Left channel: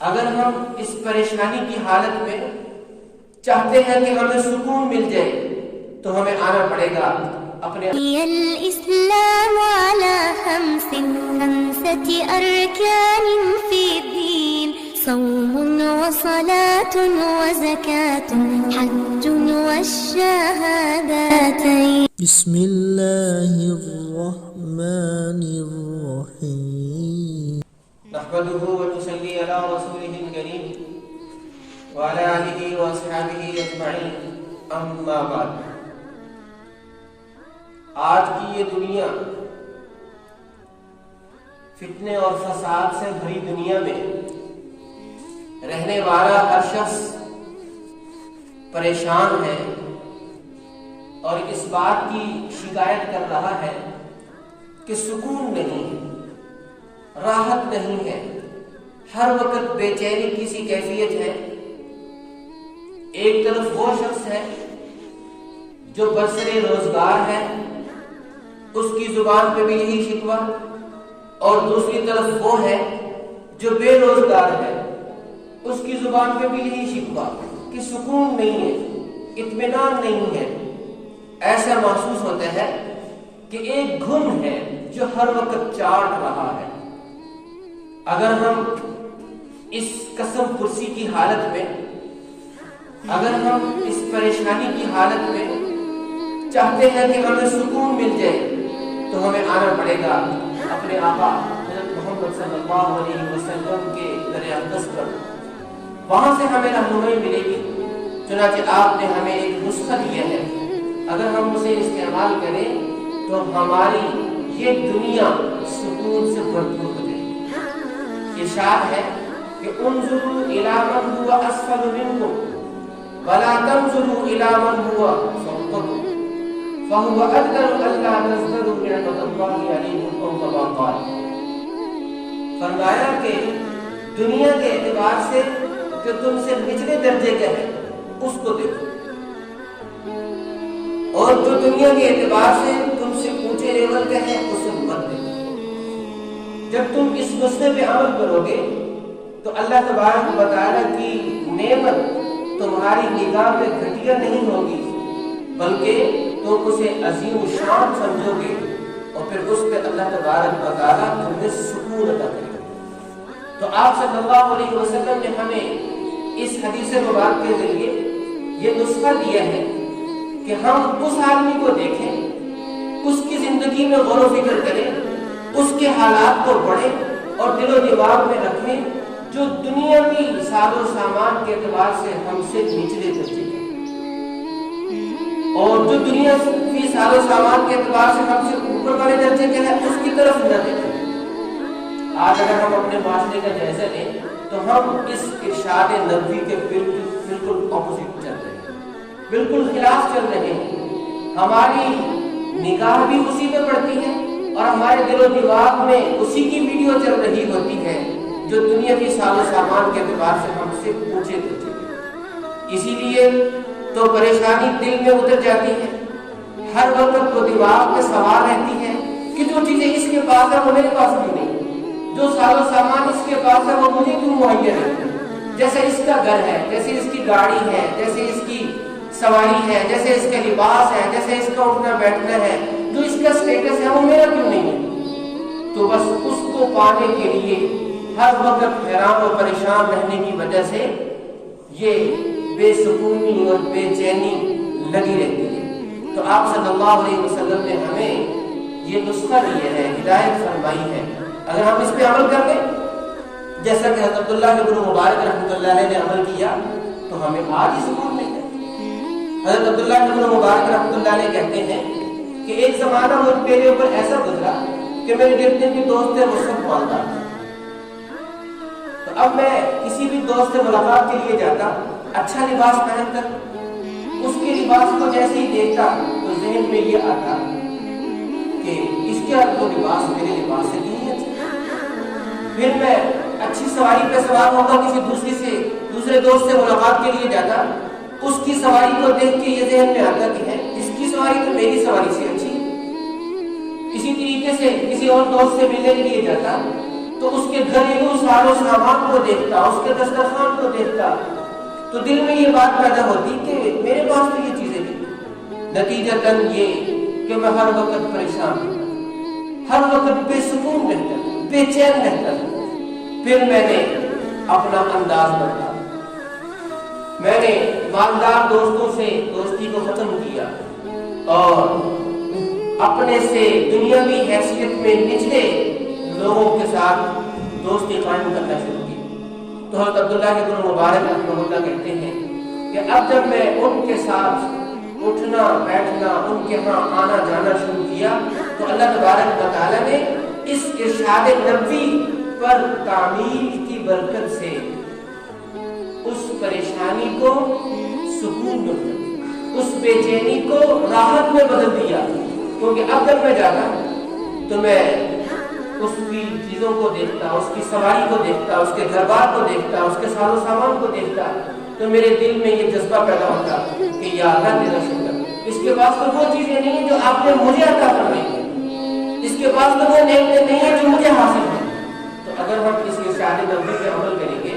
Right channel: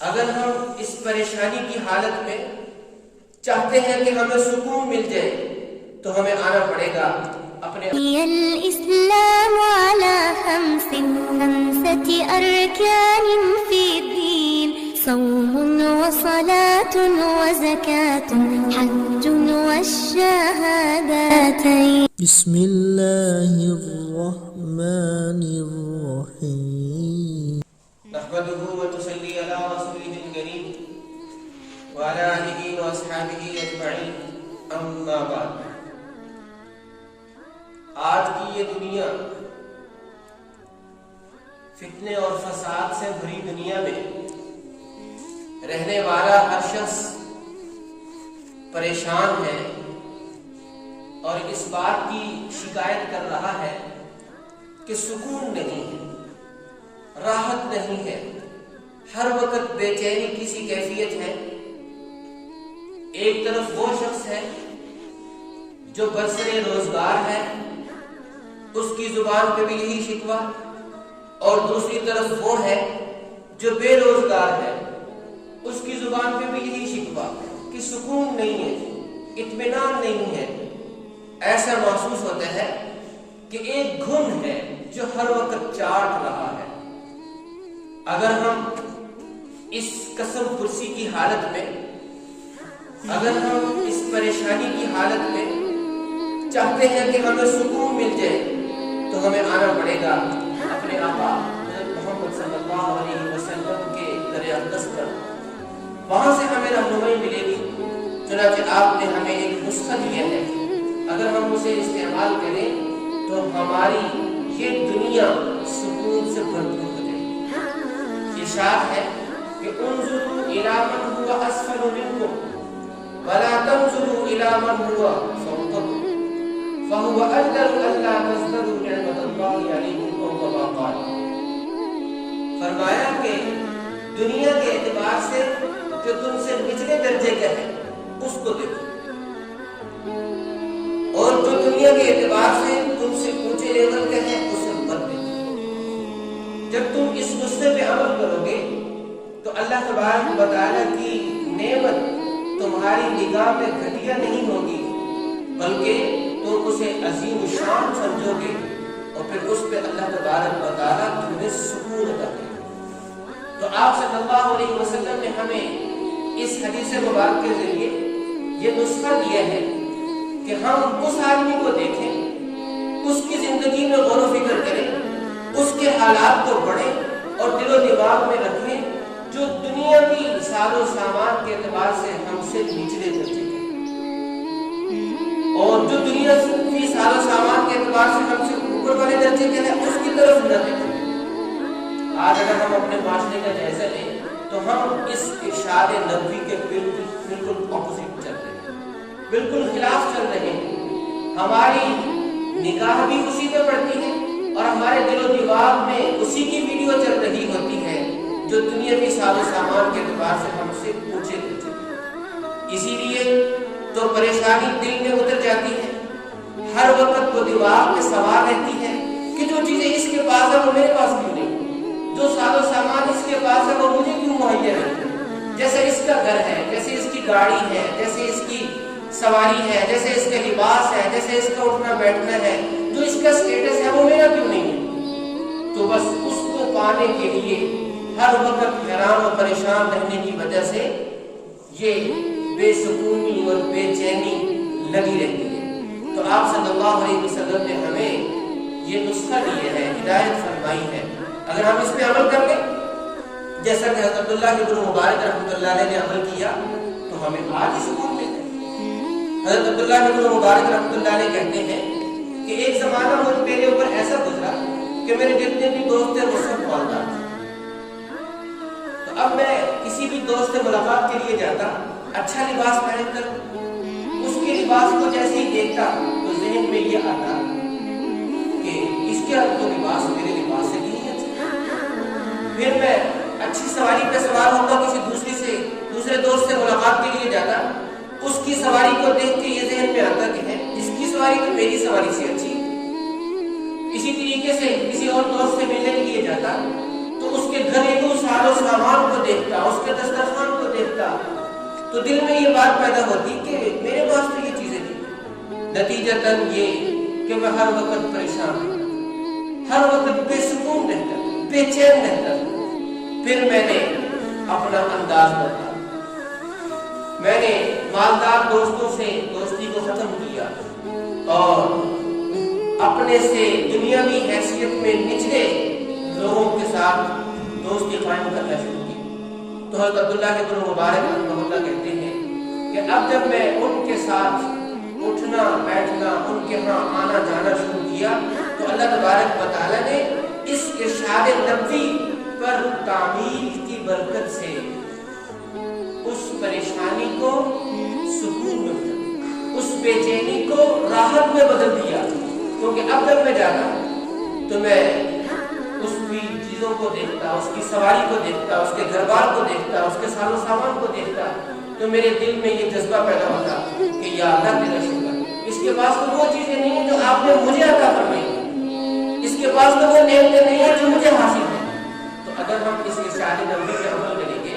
اگر ہم اس پریشانی کی حالت میں چاہتے ہیں کہ ہمیں سکون مل جائے تو ہمیں آنا پڑے گا اپنے الإسلام على خمسة أركان في الدين صوم وصلاة وزكاة حج والشهادتين بسم الله الرحمن الرحيم نحمده ونصلي على رسوله الكريم وعلى آله وأصحابه أجمعين أما بعد آج کی یہ دنیا فتنے اور فساد سے بھری دنیا میں رہنے والا ہر شخص پریشان ہے اور اس بات کی شکایت کر رہا ہے کہ سکون نہیں ہے، راحت نہیں ہے، ہر وقت بے چینی کی سی کیفیت ہے۔ ایک طرف وہ شخص ہے جو برسر روزگار ہے، اس کی زبان پہ بھی یہی شکوہ، اور دوسری طرف وہ ہے جو بے روزگار ہے، اس کی زبان پہ بھی یہی شکوہ کہ سکون نہیں ہے، اطمینان نہیں ہے۔ ایسا محسوس ہوتا ہے کہ ایک گھن ہے جو ہر وقت چاٹ رہا ہے۔ اگر ہم اس قسم پرسی کی حالت میں، اگر ہم اس پریشانی کی حالت میں چاہتے ہیں کہ ہمیں سکون مل جائے تو ہمیں آنا پڑے گا اپنے آقا حضرت محمد صلی اللہ علیہ وسلم کے در اقدس پر، وہاں سے ہمیں رہنمائی ملے گی۔ چنانچہ آپ نے ہمیں ایک نسخہ دیا ہے، اگر ہم اسے استعمال کریں تو ہماری یہ دنیا سکون سے بھرپور ہو جائے گی۔ ارشاد ہے کہ انظروا الی من هو اسفل منکم ولا تنظروا الی من هو فوقکم فهو اقدر الا تزدادوا نعمت اللہ علیکم او کما قال۔ فرمایا کہ دنیا کے اعتبار سے جو تم سے نچلے درجے کا ہے اس کو دیکھو، اور جو دنیا کے اعتبار سے تم سے اونچے لیول کا ہے اسے مت دیکھو۔ جب تم اس نسخے پہ عمل کرو گے تو اللہ تبارک و تعالیٰ کی نعمت تمہاری نگاہ میں گھٹیا نہیں ہوگی، بلکہ تم اسے عظیم شان سمجھو گے، اور پھر اس پہ اللہ تبارک و تعالیٰ تمہیں سکون عطا کرے گا۔ تو آپ صلی اللہ علیہ وسلم نے ہمیں اس حدیث مبارک کے ذریعے یہ نسخہ دیا ہے کہ ہم اس آدمی کو دیکھیں، اس کی زندگی میں غور و فکر کریں، اس کے حالات کو پڑھیں اور دل و دماغ میں رکھیں جو دنیا کی ساز و سامان کے اعتبار سے ہم سے نچلے درجے کے، اور جو دنیا کی ساز و سامان کے اعتبار سے ہم سے اوپر والے درجے کے ہیں اس کی طرف نہ دیکھیں۔ آج اگر ہم اپنے معاشرے کا جائزہ لیں تو ہم اس ارشاد نبوی کے بالکل اپوزٹ چل رہے ہیں، بالکل خلاف چل رہے ہیں۔ ہماری نگاہ بھی اسی پہ پڑتی ہے اور ہمارے دل و دماغ میں اسی کی ویڈیو چل رہی ہوتی ہے جو دنیا کی ساز و سامان کے اعتبار سے ہم سے پوچھے پوچھے۔ اسی لیے تو پریشانی دل میں اتر جاتی ہے، ہر وقت وہ دماغ میں سوال رہتی ہے کہ جو چیزیں اس کے پاس ہے وہ میرے پاس کیوں نہیں، جو ساز و سامان اس کے پاس ہے وہ مجھے کیوں مہیا نہیں۔ جیسے اس کا گھر ہے، جیسے اس کی گاڑی ہے، جیسے اس کی سواری ہے، جیسے اس کا لباس ہے، جیسے اس کا اٹھنا بیٹھنا ہے، جو اس کا سٹیٹس ہے وہ میرا کیوں نہیں ہے۔ تو بس اس کو پانے کے لیے ہر وقت حیران و پریشان رہنے کی وجہ سے یہ بے سکونی اور بے چینی لگی رہتی ہے۔ تو آپ صلی اللہ علیہ وسلم نے ہمیں یہ نسخہ دیا ہے، ہدایت فرمائی ہے، اگر ہم اس پہ عمل کر لیں جیسا کہ حضرت عبداللہ ابن مبارک رحمۃ اللہ علیہ نے عمل کیا تو ہمیں آج ہی سکون مل جائے۔ حضرت عبداللہ ابن مبارک رحمۃ اللہ علیہ کہتے ہیں کہ ایک زمانہ میرے اوپر ایسا گزرا کہ میرے جتنے بھی دوست تھے وہ سب مالدار تھے۔ تو اب میں کسی بھی دوست سے ملاقات کے لیے جاتا، اچھا لباس پہن کر اس کے لباس کو جیسے ہی دیکھتا تو ذہن میں یہ آتا کہ اس کا تو لباس میرے لباس سے نہیں ہے۔ پھر میں اچھی سواری پہ سوار ہوتا، کسی دوسرے دوست سے ملاقات کے لیے جاتا، اس کی سواری کو دیکھ کے یہ ذہن میں آتا کہ ہے اس کی سواری تو میری سواری سے اچھی۔ اسی طریقے سے کسی اور دوست سے ملنے کے لیے جاتا تو اس کے گھریلو ساز و سامان کو کو دیکھتا، اس کے دسترخوان کو دیکھتا، تو دل میں یہ بات پیدا ہوتی کہ میرے پاس تو یہ چیزیں تھیں، نتیجتاً یہ کہ میں ہر وقت پریشان رہتا، ہر وقت بے سکون رہتا، بے چین رہتا۔ پھر میں نے اپنا انداز بدلا، میں نے مالدار دوستوں سے دوستی کو ختم کیا اور اپنے سے دنیاوی حیثیت میں نچلے لوگوں کے ساتھ دوستی قائم کرنا شروع کی۔ تو حضرت عبداللہ کے بن مبارک رحمہ اللہ کہتے ہیں کہ اب جب میں ان کے ساتھ اٹھنا بیٹھنا، ان کے ہاں آنا جانا شروع کیا، تو اللہ تبارک و تعالیٰ نے اس ارشاد نبوی پر تعمیل کی برکت سے اس پریشانی کو سکون میں بدل دیا، اس بے چینی کو راحت میں بدل دیا۔ کیونکہ اب جب میں جاتا تو میں اس کی چیزوں کو دیکھتا، اس کی سواری کو دیکھتا، اس کے گھر بار کو دیکھتا، اس کے ساز و سامان کو دیکھتا، تو میرے دل میں یہ جذبہ پیدا ہوتا کہ یا اللہ تیرا شکر، اس کے پاس تو وہ چیزیں نہیں جو آپ نے مجھے عطا فرمائی، اس کے پاس تو وہ نعمتیں نہیں ہیں جو مجھے حاصل ہیں۔ تو اگر ہم اس ارشاد نبوی پہ عمل کریں گے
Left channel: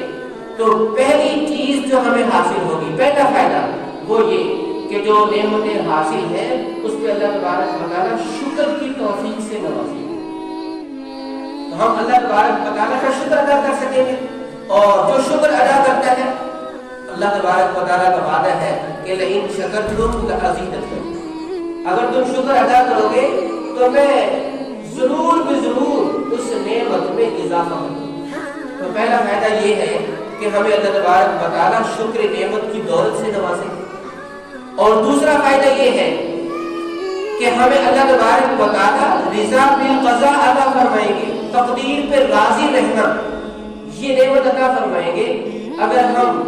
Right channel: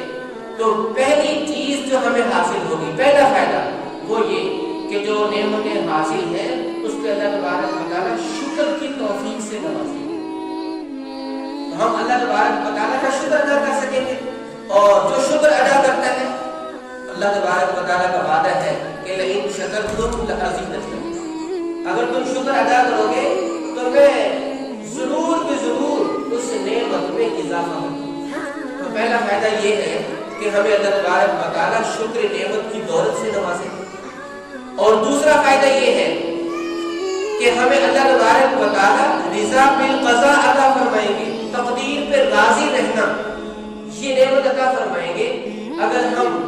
تو پہلی چیز جو ہمیں حاصل ہوگی، پہلا فائدہ وہ یہ کہ جو نعمتیں حاصل ہیں اس پہ اللہ تبارک و تعالیٰ شکر کی توفیق سے نوازیں، تو ہم اللہ تبارک و تعالیٰ کا شکر ادا کر سکیں گے۔ اور جو شکر ادا کرتا ہے، اللہ تبارک و تعالیٰ کا وعدہ ہے کہ لئن شکرتم لأزیدنکم، اگر تم شکر ادا کرو گے تو میں ضرور بضرور اس نعمت میں اضافہ کروں۔ تو پہلا فائدہ یہ ہے کہ ہمیں اللہ تبارک و تعالیٰ شکر نعمت کی دولت سے نوازے۔ اور دوسرا فائدہ یہ ہے کہ ہمیں اللہ تبارک و تعالیٰ رضا بالقضاء عطا فرمائیں گے، تقدیر پہ راضی رہنا، یہ نعمت عطا فرمائیں گے اگر ہم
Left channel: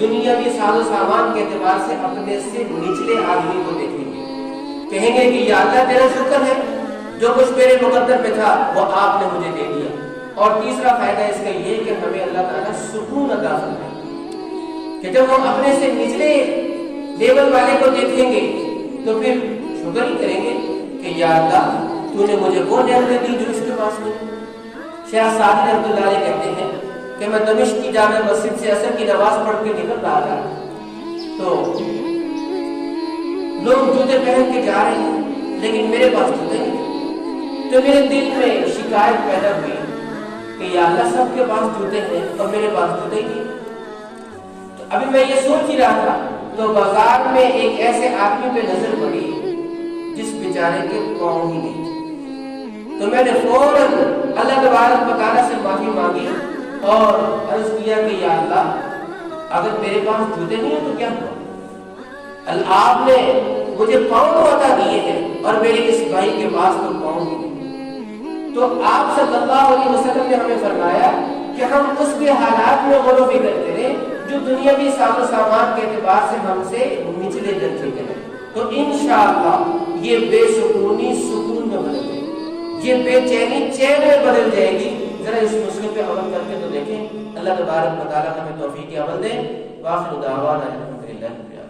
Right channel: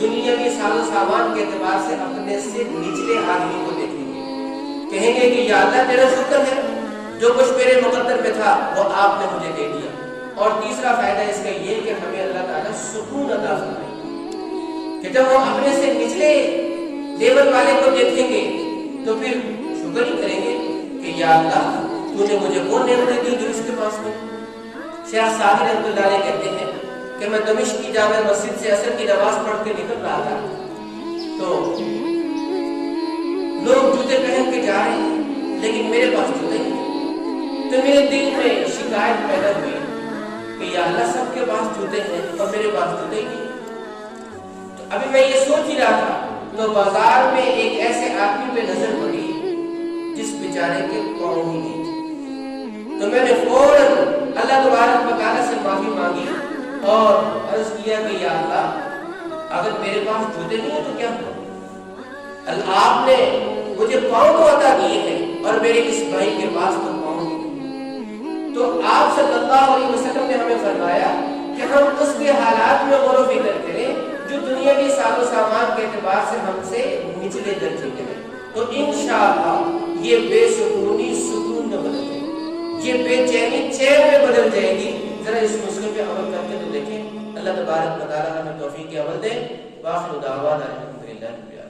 دنیا کے ساز و سامان کے اعتبار سے اپنے سے نچلے آدمی کو دیکھیں گے، کہیں گے کہ یا اللہ تیرا شکر ہے، جو کچھ میرے مقدر میں تھا وہ آپ نے مجھے دے دیا۔ اور تیسرا فائدہ اس کا یہ کہ ہمیں اللہ تعالیٰ سکون عطا فرمائے گا کہ جب ہم اپنے سے نچلے لیول والے کو دیکھیں گے تو پھر شکر ہی کریں گے کہ یا اللہ تو نے مجھے وہ نعمتیں دی جو اس کے پاس نہیں۔ شیخ سعدی رحمۃ اللہ علیہ کہتے ہیں کہ میں دمشق کی جامع مسجد سے عصر کی نماز پڑھ کے نکل رہا تھا تو لوگ جوتے پہن کے جا رہے ہیں لیکن میرے پاس جوتے نہیں، تو میرے دل میں شکایت پیدا ہوئی کہ یا اللہ سب کے پاس جوتے ہیں اور میرے پاس جوتے ہی نہیں۔ تو ابھی میں یہ سوچ ہی رہا تھا تو بازار میں ایک ایسے آدمی پہ نظر پڑی جس بیچارے کے پاؤں ہی نہیں تھے، تو میں نے فوراً اللہ تبارک و تعالیٰ سے معافی مانگی اور عرض کیا کہ یا اللہ اگر میرے پاس جوتے نہیں ہیں تو کیا ہوا، آپ نے مجھے پاؤں تو عطا دیے ہیں اور میرے اس بھائی کے پاس تو پاؤں ہی نہیں۔ تو آپ صلی اللہ علیہ وسلم نے ہمیں فرمایا کہ ہم اس کے حالات میں غور و فکر کریں جو دنیاوی ساز و سامان کے اعتبار سے ہم سے نچلے درجے کے ہیں، تو انشاءاللہ یہ بے سکونی سکون میں بدل جائے گی، یہ بے چینی چین میں بدل جائے گی۔ ذرا اس نسخے پہ عمل کر کے تو دیکھیں، اللہ تبارک و تعالیٰ ہمیں توفیق عمل دے۔ وآخر دعوانا الحمدللہ رب العالمین۔